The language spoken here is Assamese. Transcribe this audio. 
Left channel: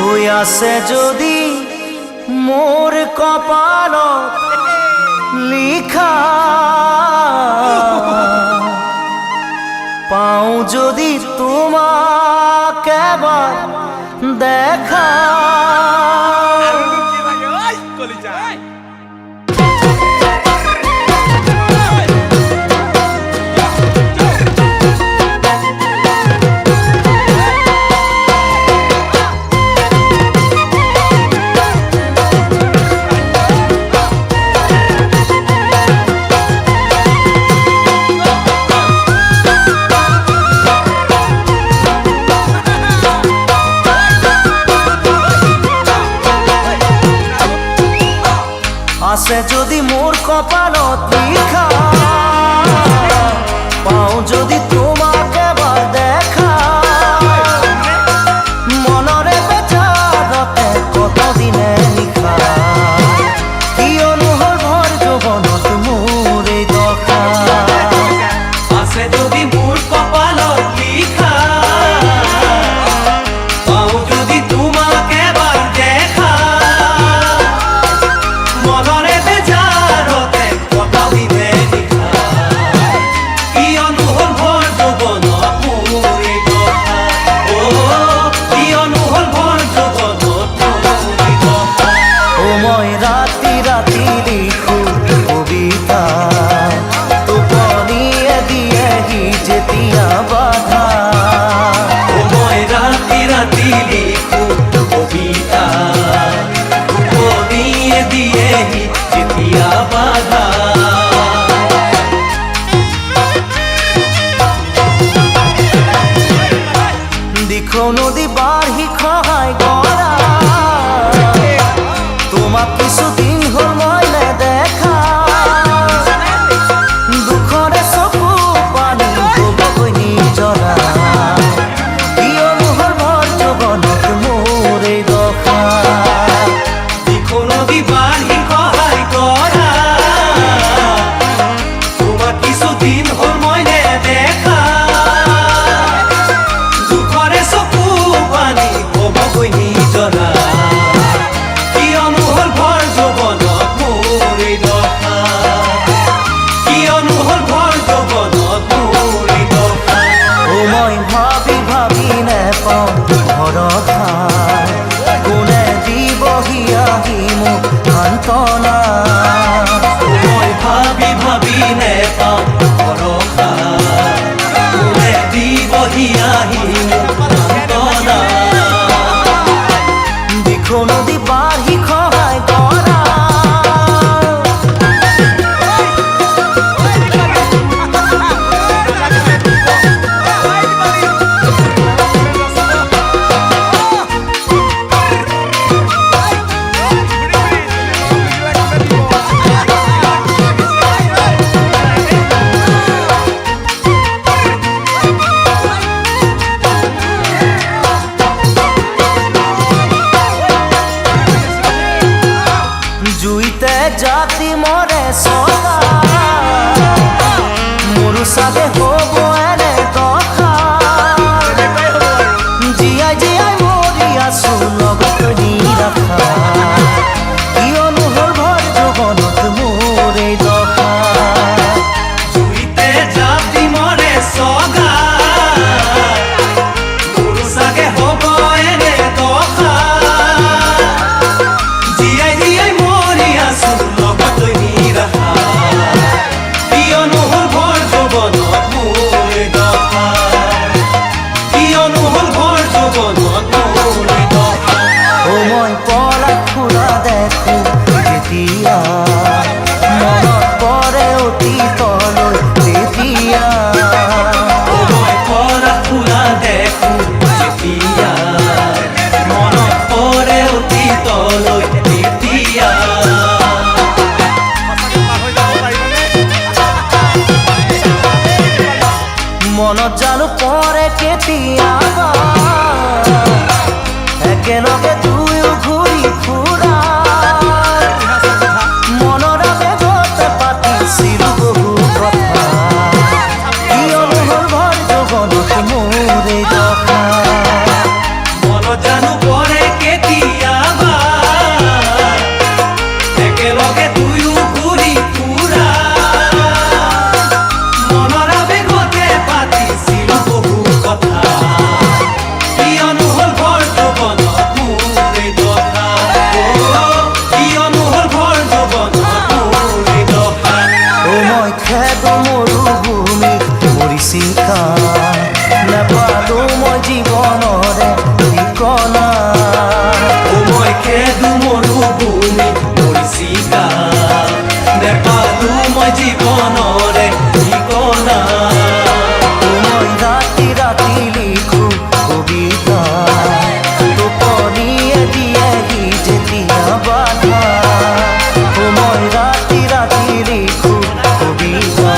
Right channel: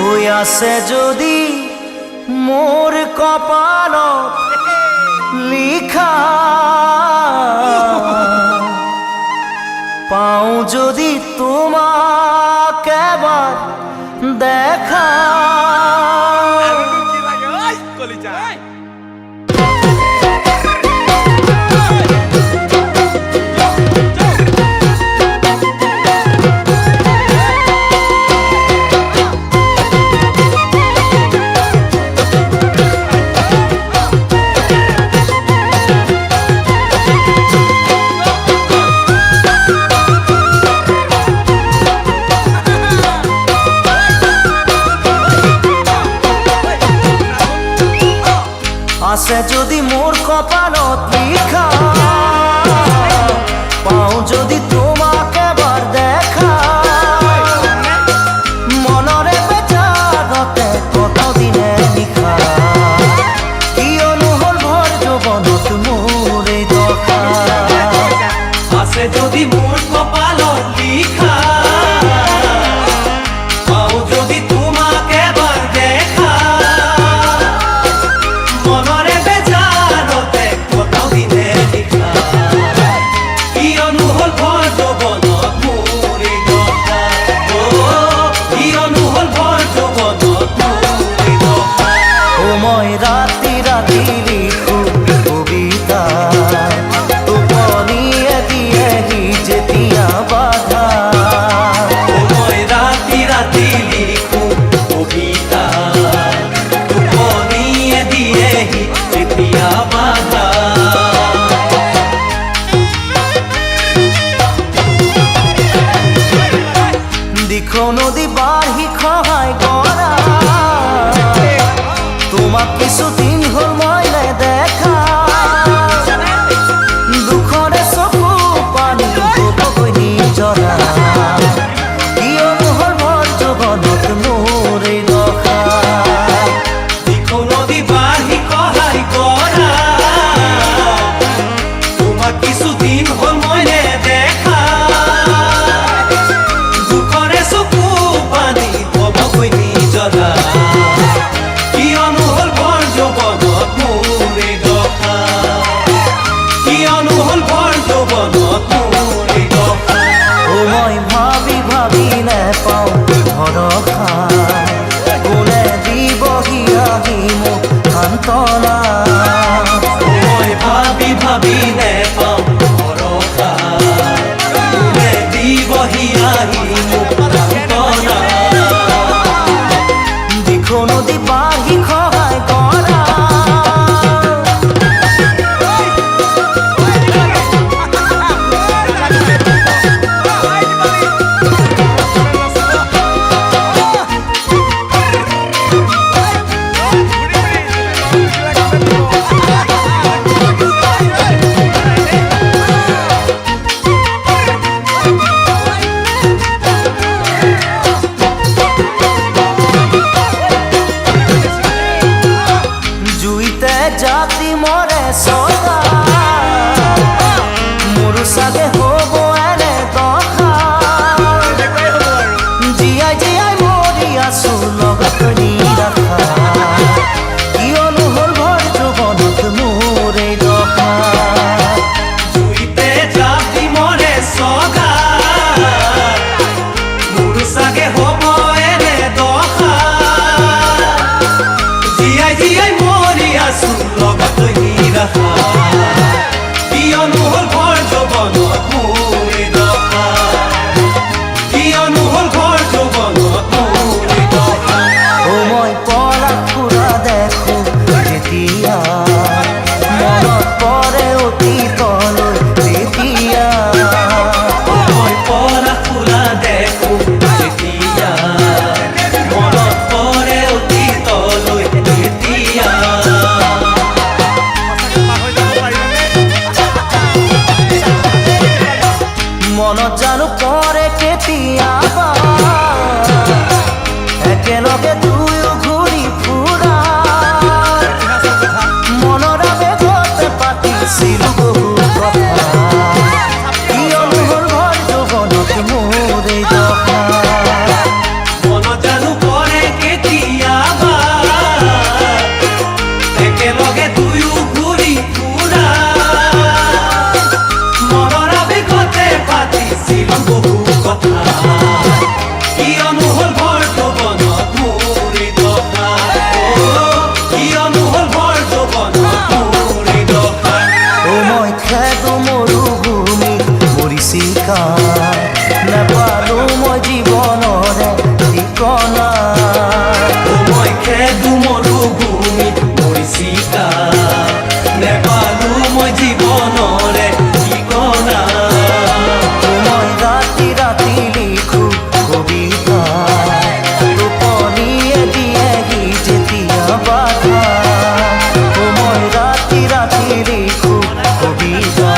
হৈ আছে যদি মোর কপালত লিখা, পাও যদি তোমাক এবার দেখা। আছে যদি মোর কপালত লিখা, পাও যদি তোমাক এবার দেখা। মনরে বেচারতে কত দিনে নিশা, কিয়নো হল ভর যৌবনত মোর এই দশা। আছে যদি মোর কপালত লিখা, পাও যদি তোমাক এবার দেখা। মনরে বেচারতে কত দিনে নিশা, কিয়নো হল ভর যৌবনত মোর এই দশা। কিয়নো হল ভর যৌবনত মোর এই দশা। ও মই রাতি রাতি লিখো কবিতা, টোপনিয়ে দিয়েহি যেতিয়া বাধা। মই রাতি রাতি লিখো কবিতা, টোপনিয়ে দিয়েহি যেতিয়া বাধা। দিখো নদী বাঢ়ি খহাই গৰা, তোমাক কিছুদিন হল মই নেদেখা। দুখৰে চকু পানী হবগৈ নিজৰা, কিয়নো হল ভৰ যৌবনত মোৰ এই দশা। দিখো নদী বাঢ়ি খহাই গৰা, তোমাক কিছুদিন হল মই নেদেখা। দুখৰে চকু পানী হবগৈ নিজৰা, কিয়নো হল ভৰ যৌবনত মোৰ এই দশা। কিয়নো হল ভৰ যৌবনত মোৰ এই দশা। ও মই ভাবি ভাবি নেপাওঁ ভৰসা, কোনে দিবহি আহি মোক সান্তনা। মই ভাবি ভাবি নেপাওঁ ভৰসা, কোনে দিবহি আহি মোক সান্তনা। দিখো নদী বাঢ়ি খহাই গৰা, জুইতে জাতি মৰে ছটা, মোৰো চাগে হ'ব এনে দশা। জীয়াই জীয়াই মৰি আছো লগত নিৰাশা, কিয়নো হল ভৰ যৌবনত মোৰ এই দশা। জুইতে জাতি মৰে ছটা, মোৰ চাগে হ'ব এনে দশা। জীয়াই জীয়াই মৰি আছো লগত নিৰাশা, কিয়নো হল ভৰ যৌবনত মোৰ এই দশা। কিয়নো হল ভৰ যৌবনত মোৰ এই দশা। ও মই পলাশ ফুলা দেখো যেতিয়া, মনত পৰে অতীতলৈ তেতিয়া। মই পলাশ ফুলা দেখো যেতিয়া, মনত পৰে অতীতলৈ তেতিয়া। মনত জানো পৰে কেতিয়াবা, একেলগে দুয়ো ঘূৰি ফুৰা। মনৰ আবেগতে পাতিছিলো বহু কথা, কিয়নো হল ভৰ যৌবনত মোৰ এই দশা। মনত জানো পৰে খেদো মৰুভূমিত মৰিচিকা নেপালো মই জীৱনৰে ঠিকনা মই খেদো মৰুভূমিত মৰিচিকা নেপালো মই জীৱনৰে ঠিকনা মই ৰাতি ৰাতি লিখো কবিতা টোপনিয়ে দিয়েহি যেতিয়া বাধা মই ৰাতি ৰাতি লিখো কবিতা